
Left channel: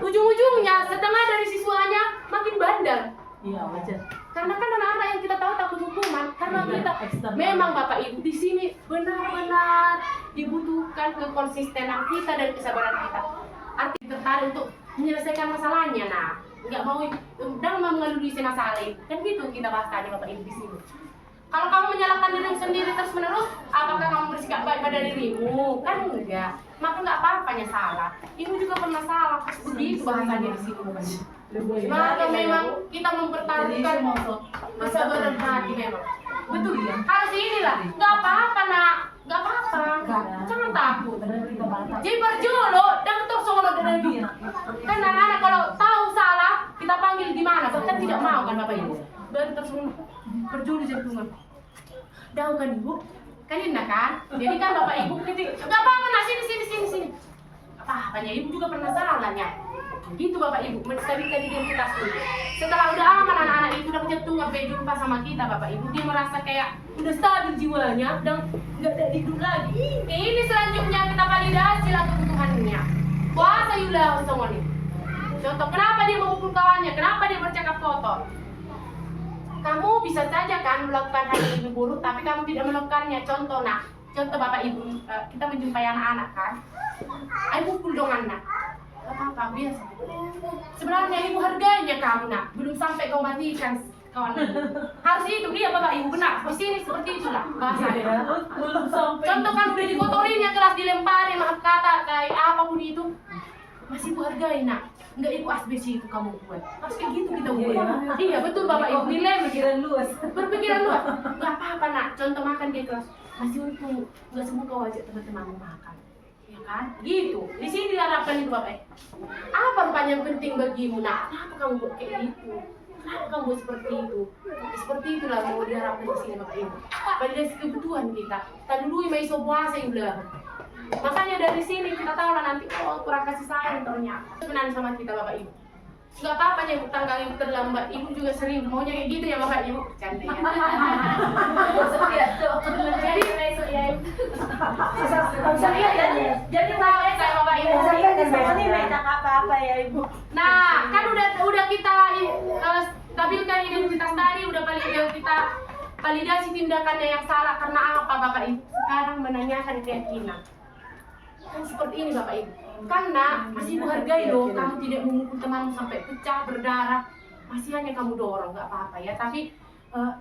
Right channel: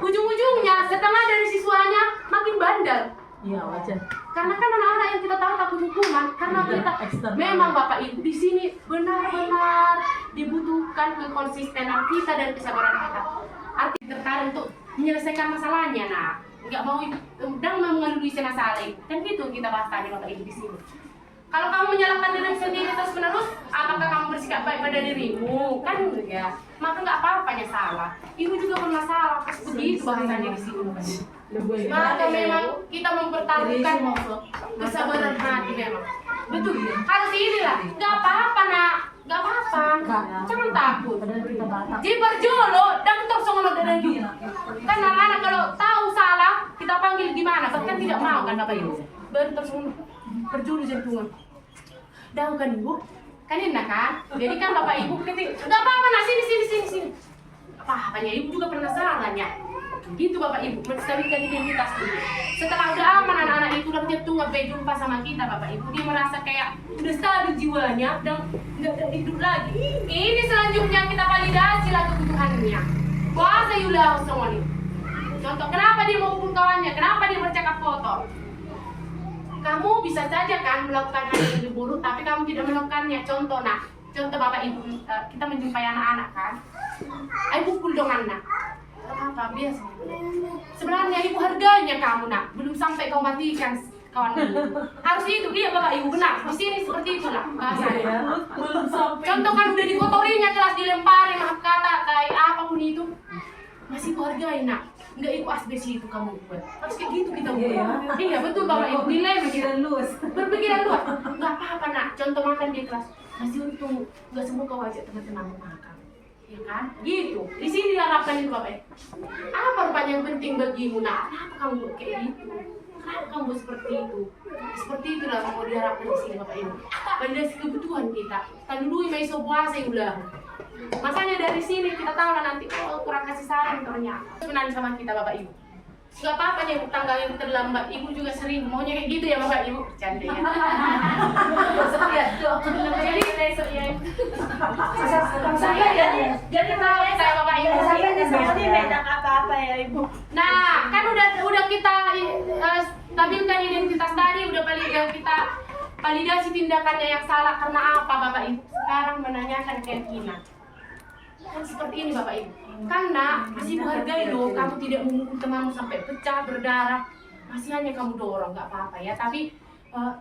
ujung-ujungnya setengah dari siswanya makin bandel. Iya wajar. Karena kan anak-anak yang kita tahu takut hukuman, karena kita memang Bapak Ibu di sini benar-benar dibutuhkan kekonsistenan kita dan kesabaran kita. Arti tertarik untuk menyelesaikan masalahnya, nah nggak mau dan mengelului masalah itu, kan gitu kita bahas tadi Bapak Ibu di sini. Kalau kamu menyalahkan diri sendiri terus menerus, apakah kamu bersikap baik pada dirimu? Kan enggak, maka nggak apa-apanya salah. Ibu juga pernah salah, begitu bahasanya di sini Bapak Ibu. Maka memang kita mempertaruhkan kesabaran hati memang. Betul ya? Harus inilah. Gak apa-apa nak, gak apa-apa. Jangan takut. Jadi berjolo dan terus ngomong dengan dia. Kan anak-anak kalau tahu salah kita panggil gimana? Bahkan tidak mau kan Bapak Ibu. Baru terus ngomong berjolo jantungan. Tahu kan Ibu? Kan enak kan? Jadi kan Bapak Ibu kritik. Gak apa-apa nak, sini. Apa-apanya Ibu juga pernah salahnya. Gitu Bapak Ibu, menstabilkan identitas dulu. Setelah udah aman anak-anak itu udah punya tunggak jumpa sama kita Bapak Ibu, dia merasa kayak udah stabil jiwanya dan nggak ada hidup lagi. Ini selanjutnya kita validasi lah kebutuhannya. Puasa yulah semua nih. Contoh, kenapa dia memukul kawannya? Kenapa dia bercakap kotor? Kamu bisa saja kan melakukan hal yang lebih buruk, tapi kamu tidak melakukannya. Contoh nak, contoh Bapak Ibu, kita menjumpai anak-anak kan, ayo pukul dong anak. Gak apa-apa, biasa. Sebenarnya ibu harganya kamu nak, belum sampai kau matikan kawan ini. Harus itu, iya Bapak Ibu benar. Di sini seperti itulah bahasanya. Belum sampai. Contoh kan udah dikotorinya kelas, dilemparin maaf kata, kayak apapun itu, masih ibu hargai nak. Enggak ibu asbes itu kamu buat. Harus kayak gitu kita buat. Iya betul Bapak Ibu, dilema Pikiran luas. berpikiran luas. Nggak apa-apa nak, contoh makan di kelas masih untung nggak semua kau ajak teman-temanmu makan, ya kan? Gitu. Di sini diharapkan itu Bapak. Apa rupanya yang penting bagimu nak? Kenapa kamu buat kayak gitu? Kenapa kamu buat seperti itu? Seperti itulah mau diharapkan di sini Bapak Ibu. Validasi kebutuhan kita. Tadi dulu mai puasa udah. Makanya dari sini kita tahu lah nanti oh kurang kasih sayang ternyata. Sebenarnya sama kita Bapak Ibu. Gak apa-apa nyebut tanggal yang terlambat. Ibu juga sering maunya kayak gitu ya Bapak Ibu. Canda ya. Jadi besok ya. Jadi tahu saya Bapak Ibu. apa-apa ya Ibu. Nah, kan udah kita stabilkan identitas tadi, udah kita validasi tindakannya yang salah karena apa Bapak Ibu. Sekarang menanyakan keyakinan. Kan seperti ini Bapak Ibu. Karena masih menghargai loh, kamu tidak memukul temanmu sampai pecah, berdarah. Masih hanya kamu dorong, nggak apa-apa ya. Tapi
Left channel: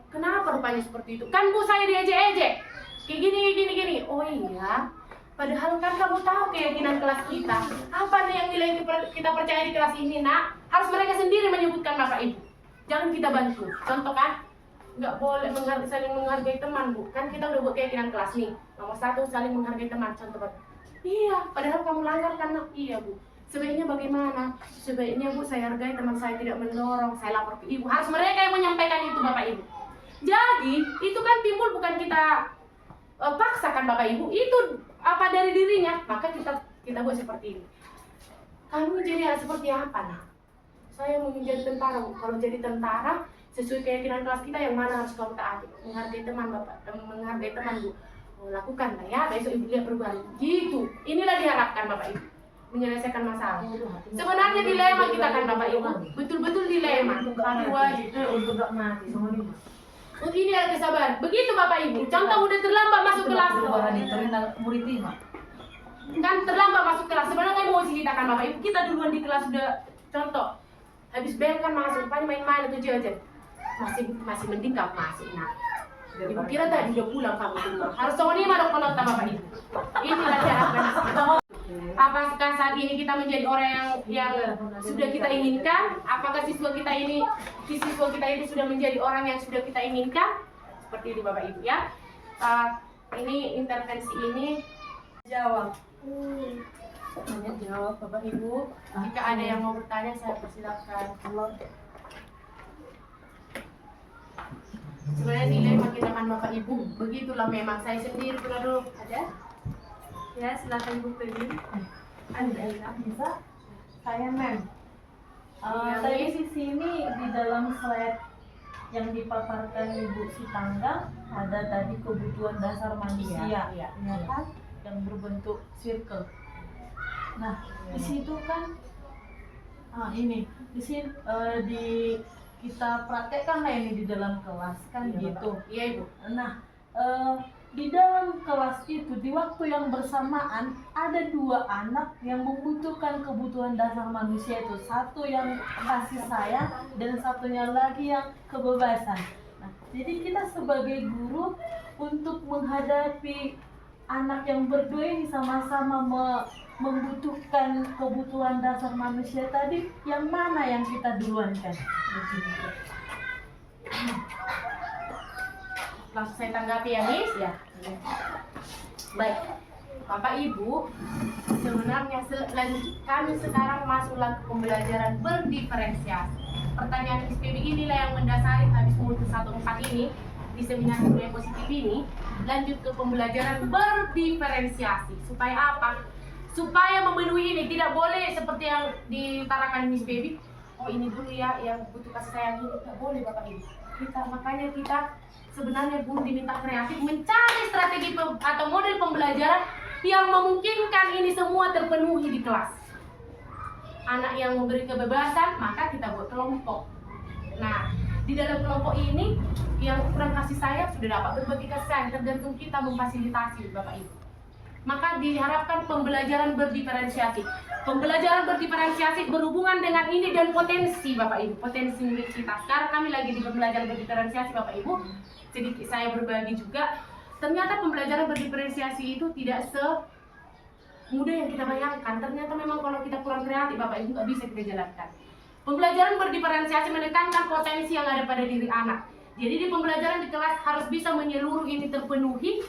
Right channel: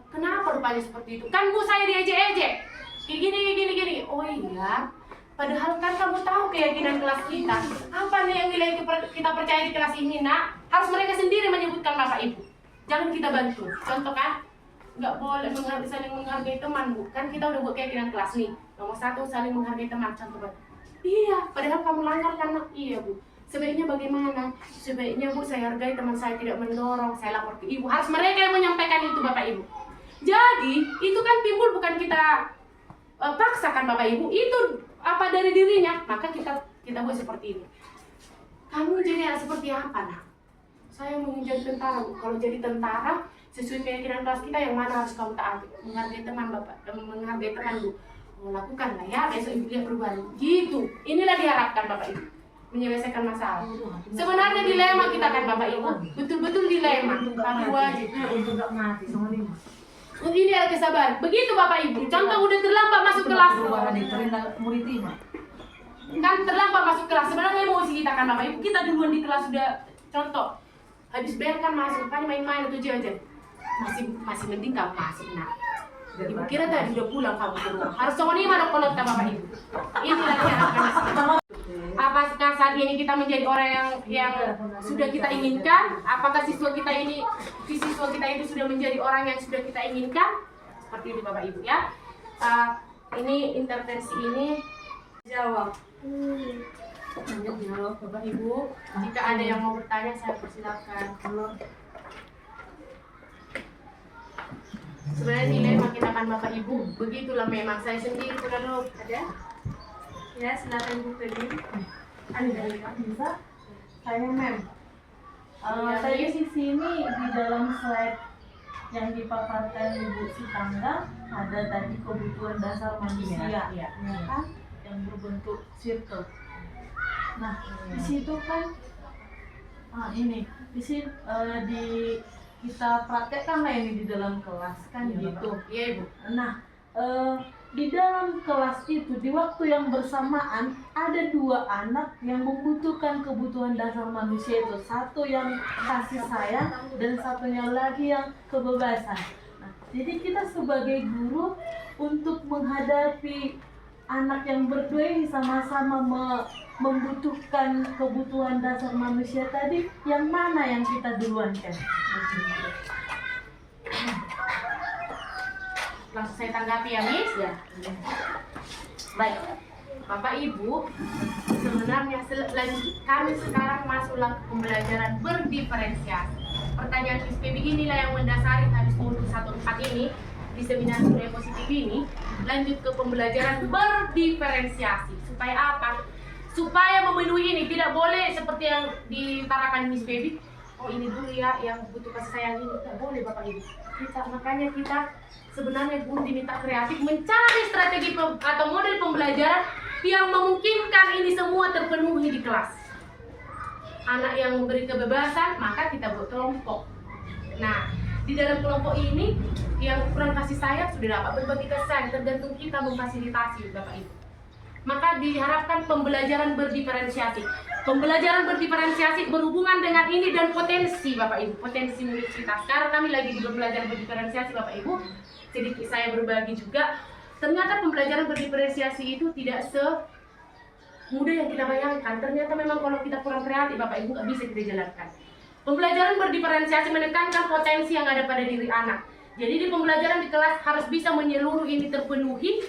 kenapa rupanya seperti itu? Kan Bu saya diejek-ejek. Kayak gini. Oh iya. Padahal kan kamu tahu keyakinan kelas kita. Apa nih yang nilai kita percaya di kelas ini nak? Harus mereka sendiri menyebutkan Bapak Ibu. Jangan kita bantu. Contoh kan? Nggak boleh saling menghargai teman Bu. Kan kita udah buat keyakinan kelas nih. Nomor 1 saling menghargai teman. Contoh Bapak. Iya, padahal kamu langgar kan? Iya Bu. Sebaiknya bagaimana? Sebaiknya Bu saya hargai teman saya tidak mendorong, saya lapor ke Ibu. Harus mereka yang menyampaikan itu Bapak Ibu. Jadi itu kan timbul bukan kita paksakan Bapak Ibu, itu apa dari dirinya. Maka kita buat seperti ini. Kamu jadi seperti apa nak? Saya mau menjadi tentara Bu. Kalau jadi tentara sesuai keyakinan kelas kita yang mana harus kamu taati? Menghargai teman Bapak, menghargai teman Bu. Lakukan lah ya, besok Ibu lihat perubahan. Gitu, inilah diharapkan Bapak Ibu, menyelesaikan masalah. Sebenarnya dilema kita kan Bapak Ibu, betul-betul dilema. Tapi wajib Untuk gak mati sama lima. ini ada kesabaran. Begitu Bapak Ibu, contoh udah terlambat masuk kelas. Perubahan itu murid 5. Kan terlambat masuk kelas, sebenarnya emosi kita kan Bapak Ibu. Kita duluan di kelas sudah contoh, habis bel kan masuk, kan main-main atau jajan. Masih mending kamu masuk nak. Ibu kira tadi udah pulang kamu ke rumah. Harus sama 5 dong penonton Bapak Ibu. Inilah cara. Apakah saat ini kita menjadi orang yang sudah kita inginkan? Apakah siswa kita ini sudah menjadi orang yang sudah kita inginkan? Seperti ini Bapak Ibu ya. Ini intervensi ini jawab. Jawab Bapak Ibu. Jika ada yang mau bertanya saya persilakan. Sebenarnya dilema kita kan Bapak Ibu, begitulah memang. Saya sendiri pernah dulu ada. Ya silakan Bu Feni. Ada bisa? Saya mem. Tadi sisi ini di dalam slide yang dipaparkan Ibu Sitangga ada tadi kebutuhan dasar manusia, Iya. ya kan? Yang berbentuk circle. Nah, di situ kan, ini di sini kita praktekkan lah ini di dalam kelas kan gitu. Iya Ibu. Nah, di dalam kelas itu di waktu yang bersamaan ada 2 anak yang membutuhkan kebutuhan dasar manusia itu. Satu yang kasih sayang dan satunya lagi yang kebebasan. Nah, jadi kita sebagai guru untuk menghadapi anak yang berdua ini sama-sama membutuhkan kebutuhan dasar manusia tadi, yang mana yang kita duluankan? Langsung saya tanggapi ya Miss. Ya. Baik. Bapak Ibu, sebenarnya kami sekarang masuklah ke pembelajaran berdiferensiasi. Pertanyaan Miss PB inilah yang mendasari hadis modul 14 ini di seminar budaya positif ini. Lanjut ke pembelajaran berdiferensiasi. Supaya apa? supaya memenuhi ini. Tidak boleh seperti yang diutarakan Miss Baby, oh ini dulu ya yang butuh kasih sayang ini. Tidak boleh Bapak Ibu. Makanya kita sebenarnya pun diminta kreatif mencari strategi atau model pembelajaran yang memungkinkan ini semua terpenuhi di kelas. Anak yang memberi kebebasan, maka kita buat kelompok. Nah, di dalam kelompok ini yang ukuran kasih sayang sudah dapat berbagi kasih sayang, tergantung kita memfasilitasi Bapak Ibu. Maka diharapkan pembelajaran berdiferensiasi. Pembelajaran berdiferensiasi berhubungan dengan ini dan potensi Bapak Ibu, potensi murid kita. Sekarang kami lagi di pembelajaran berdiferensiasi Bapak Ibu. Sedikit saya berbagi juga. Ternyata pembelajaran berdiferensiasi itu tidak semudah yang kita bayangkan. Ternyata memang kalau kita kurang kreatif Bapak Ibu nggak bisa kita jalankan. Pembelajaran berdiferensiasi menekankan potensi yang ada pada diri anak. Jadi di pembelajaran di kelas harus bisa menyeluruh ini terpenuhi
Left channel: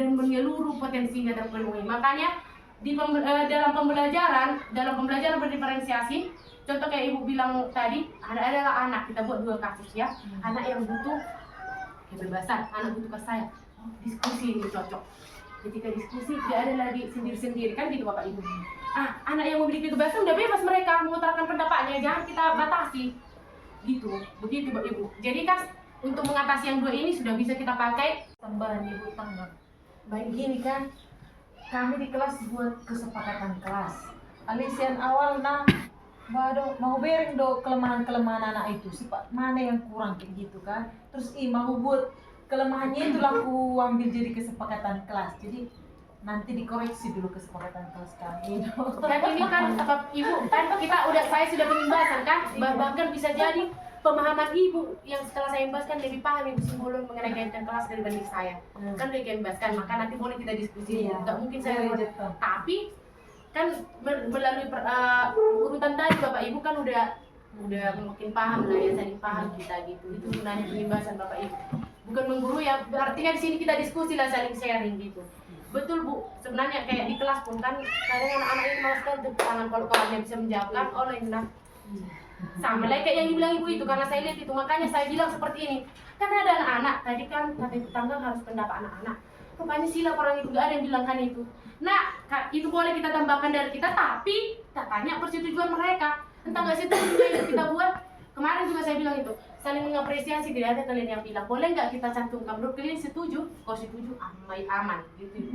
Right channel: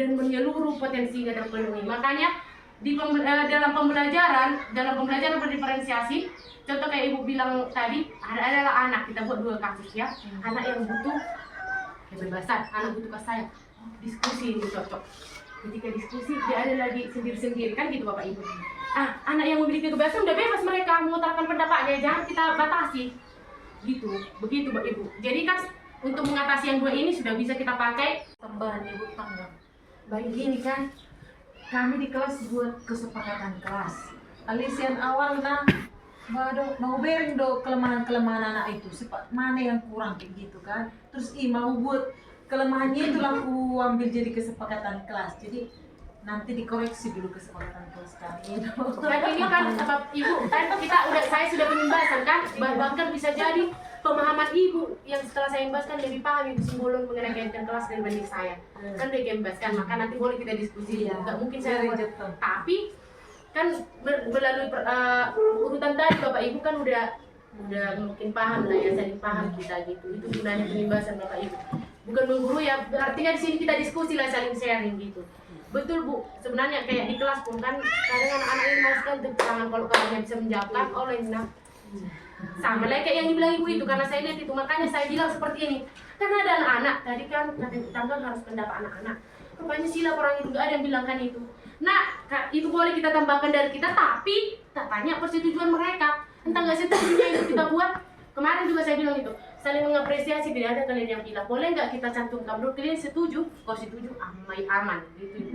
dan menyeluruh potensinya terpenuhi. Makanya di dalam pembelajaran berdiferensiasi, contoh kayak Ibu bilang tadi, adalah anak, kita buat 2 kasus ya. Anak yang butuh kebebasan, anak butuh kasih sayang. Diskusi ini cocok. Ketika diskusi dia ada lagi sendiri-sendiri kan gitu Bapak Ibu. Anak yang memiliki kebebasan udah bebas mereka mengutarakan pendapatnya, jangan kita batasi. Gitu, begitu Bapak Ibu. Jadi kan untuk mengatasi yang 2 ini sudah bisa kita pakai Tambahan Ibu Tangga. Baik gini kan, kami di kelas buat kesepakatan kelas. Alisian awal Mau bering do kelemahan-kelemahan anak itu, mana yang kurang kayak gitu kan. Terus mau buat kelemahannya itu aku ambil jadi kesepakatan kelas. Jadi nanti dikoreksi dulu kesepakatan kelas kami. Dan ini kan Bapak Ibu kan saya sudah pembahasan kan, bahkan bisa jadi pemahaman Ibu yang setelah saya membahaskan lebih paham Ibu Simbolon mengenai kaitan kelas dibanding saya. Kan udah membahaskan, maka nanti boleh kita diskusi. Nggak mungkin saya tapi kan melalui urutan tadi Bapak Ibu kan udah mungkin paham lah ya, saling paham kita gitu. Itu gunanya pembahasan Bapak Ibu. Bukan mengguru ya, artinya di sini kita diskusi lah, saling sharing gitu. Betul Bu, sebenarnya kayak di kelas pun kan kadang anak-anak yang malas kan tepuk tangan kalau kawannya bisa menjawabkan, oh enak. Sama lah kayak yang dibilang Ibu itu, karena saya lihat itu, makanya saya bilang seperti ini. Karena ada anak-anak, tadi kan kata tetangga harus pendapat anak-anak. Rupanya sila orang itu, gak ada yang bilang kan itu. Nah, itu boleh kita tambahkan dari kita, tapi tak tanya persetujuan mereka. Entah gak setujunya itu kita buat. Kemarin juga saya bilang itu, saling mengapresiasi, tidak ada kalian yang bilang, boleh nggak kita cantumkan, menurut kalian setuju, kau setuju, aman gitu.